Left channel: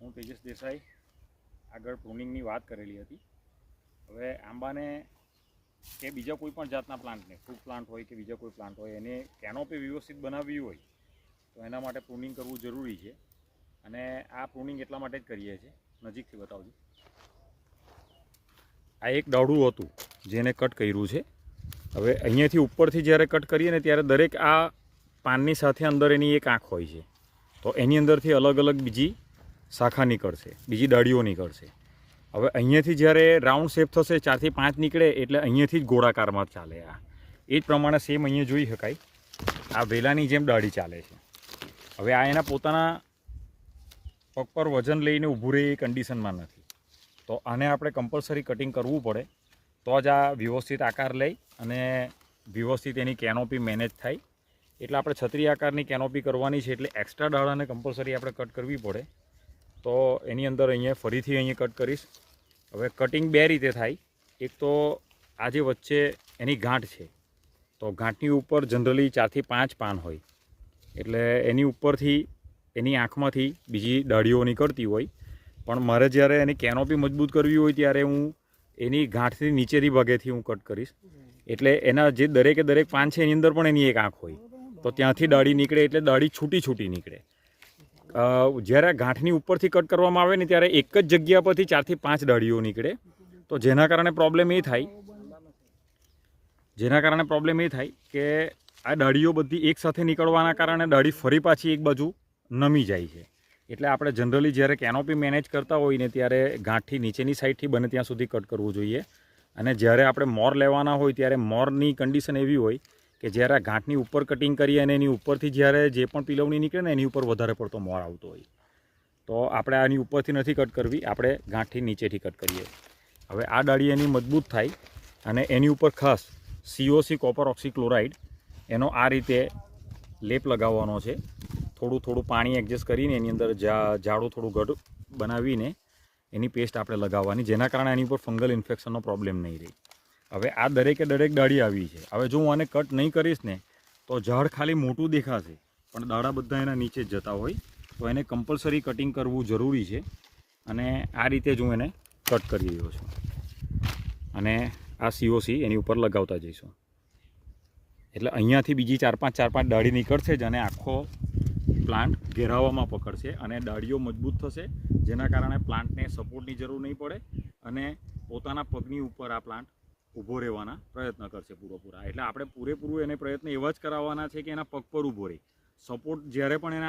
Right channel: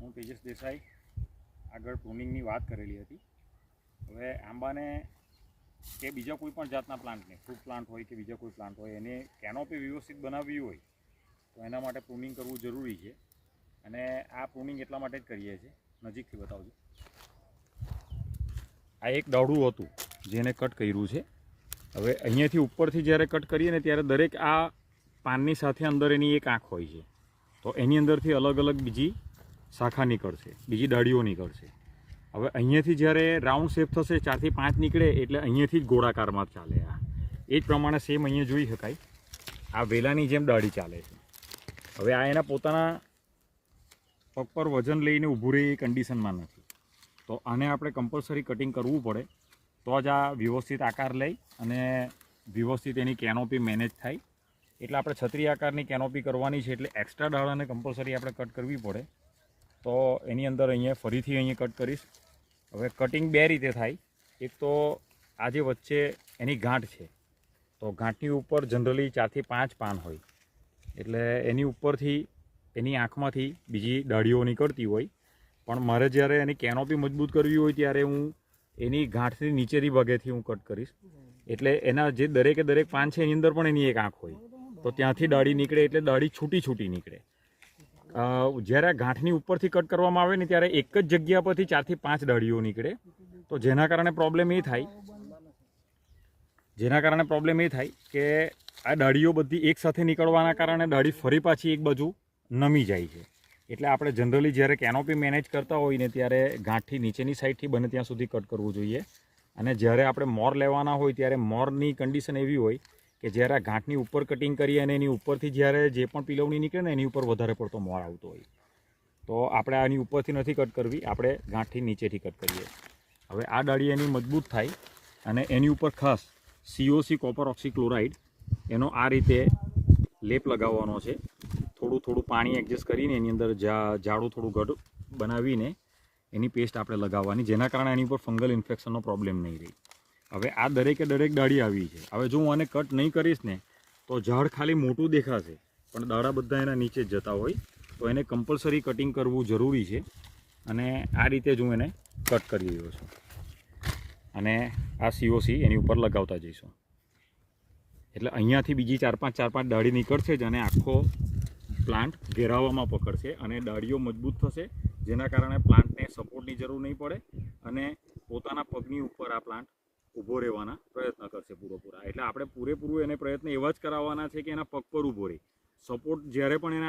હું તેજસ દેસાઈ આગળ પ્રૂનિંગની વાત કરેલી હતી. હવે આંબાને કે બીજા કોઈ પણ જાતના પ્લાન્ટને, ફ્રૂટ પ્લાન્ટ હોય કે બીજા કોઈ પ્લાન્ટ હોય, એને કેનોપી વ્યવસ્થિત બનાવવી હોય તો એના માટે પ્રૂનિંગ કરવું જરૂરી છે. અને આ પ્રૂનિંગ એટલા માટે જ કરીએ છીએ. નજીકથી બતાવજો. આ એક દાડું હતું જેને કટ કર્યું છે. હવે અહીંયાથી ઉપરથી જ્યારે કટ કરીએ ને ત્યારે દરેક આ પાનની સાથે અંદર એની એક આંખ હોય છે. તો એની અંદરથી અલગ અલગ બીજી શાખા નીકળશે, બીજી ડાળીઓ નીકળશે. હવે અહીંયાથી જ્યારે રાઉન્ડ શેપ થશે, 4 થી 5 નીકળે એટલે અહીંયાથી જ ગોળાકારમાં ચાલે. આ એ જ પ્રમાણે સેમ અહીંયા જોઈ શકાય, આ વેલાની જેમ ડાળી ચાલે છે. હવે આ એના પોતાના પગ પર વજન લઈને ઊભું રહે એ કન્ડિશનમાં નથી. તો આને આપણે કમ્પલસરી કટિંગ કરવું પડે તો જ આ વ્યવસ્થિત આકાર લઈ અને વ્યવસ્થિત એની કેનોપી મેનેજ થાય. એટલે આપણે છત્રી આકારની કેનોપી કરવાની છે, એટલે એક્સ્ટ્રા ડાળાને કમ્પલસરી આપણે કટ કરવી પડે. તો એની અંદર અહીંયા ફરીથી અહીંયા કટ કરીશ. હવે કટિંગ બે રીતે થાય. એક તો આ જે વચ્ચે એની ગાંઠ છે, તો ગાંઠની ઉપર જનરલી 4 થી 5 પાન હોય, એટલે એની ઉપરથી એની આંખમાંથી બીજી ડાળીઓ નીકળતી હોય. પણ મારે જ્યારે એની કેનોપી મજબૂત કરવી હોય ત્યારે હું એની ગાંઠથી નીચેથી ભાગેથી હું કટ કરીશ. એટલે એના જે દરેકે દરેક પાન છે એની અંદર પણ એની એક આંખ હોય, તો ત્યાંથી ડાળી નીકળે એટલે ડાળી છૂટી છૂટી નીકળે. જ્યારે આ ગાંઠની ઉપરથી કટ કરવામાં આવે ને ત્યારે એક જ જગ્યા પરથી 4 થી 5 ડાળીઓ નીકળે. તો જેના કારણે પ્રોબ્લેમ એ થાય કે આ ડાળીઓ બધી એકસાથે નીકળવાના કારણે ડાળી ફરી પાછી એક બાજુ નમી જાય છે. એટલે આપણે જનરલી જ્યારે કેનોપી મેનેજ કરતા હોય ને ત્યારે ગાંઠથી નીચેની સાઈડથી બને ત્યાં સુધી કટ કરવું જોઈએ. અને જ્યારે આપણે મોર લેવાના હોય ત્યારે મોરની કન્ડિશન એવી હોય કે જ્યારે આ ગાંઠની ઉપર કટિંગ કરીએ અને એની ઉપરથી જ્યારે જે પણ પિલવણી નીકળે ને એની ઉપર વધારે પડતો મોર આવતો હોય, તો આપણે આની ઉપરથી નથી કટ કરવી, આપણે ગાંઠથી નીચેથી કટ કરીએ. હવે આ ડાળી એની મજબૂત થાય અને એની ઉપર ખાસ COC કોપર ઓક્સીક્લોરાઇડ એનો આ રીતે લેપ લગાવવાનો છે. થોડું થોડું પાણી એડજસ્ટ કરીને એની અંદર જાડું થોડું ગઢ બનાવીને એની પેસ્ટ આપણે લગાવવાની, જેના કારણે એની ઉપર ફંગલ ઇન્ફેક્શનનો પ્રોબ્લેમ નહીં રહે. હવે આ દરેકે દરેક ડાળી આવી છે. હવે જો હું આને કટ નહીં કરીશ ને તો ઝાડ ખાલી મોટું દેખાશે પણ દાડા બધા એના નીચે જ જતા હોય. તો એને કમ્પલસરી કટિંગ કરવું જરૂરી છે. અને આ રીતે જ હું એને કટ કરી રહ્યો છું. અને આ COC એની ઉપર લગાવતા જઈશું. એટલે અહીંયાથી બીજી 4-5 ડાળી નીકળશે જ અને આખો પ્લાન્ટ ઘેરાવામાં પકડશે અને ડાળીઓ મજબૂત થશે, જેના કારણે પ્લાન્ટને સપોર્ટની જરૂર નહીં પડે અને પોતાના પગની ઉપર આ પ્લાન્ટ ઊભો રહેવાના પ્રયત્ન કરશે પૂરેપૂરા. એટલે આપણે પૂરેપૂરું એને પ્રયત્ન એવા જ કરાવવાના છે કે એના પગ પર ઊભો રહે. સપોર્ટ જ્યારે પણ એને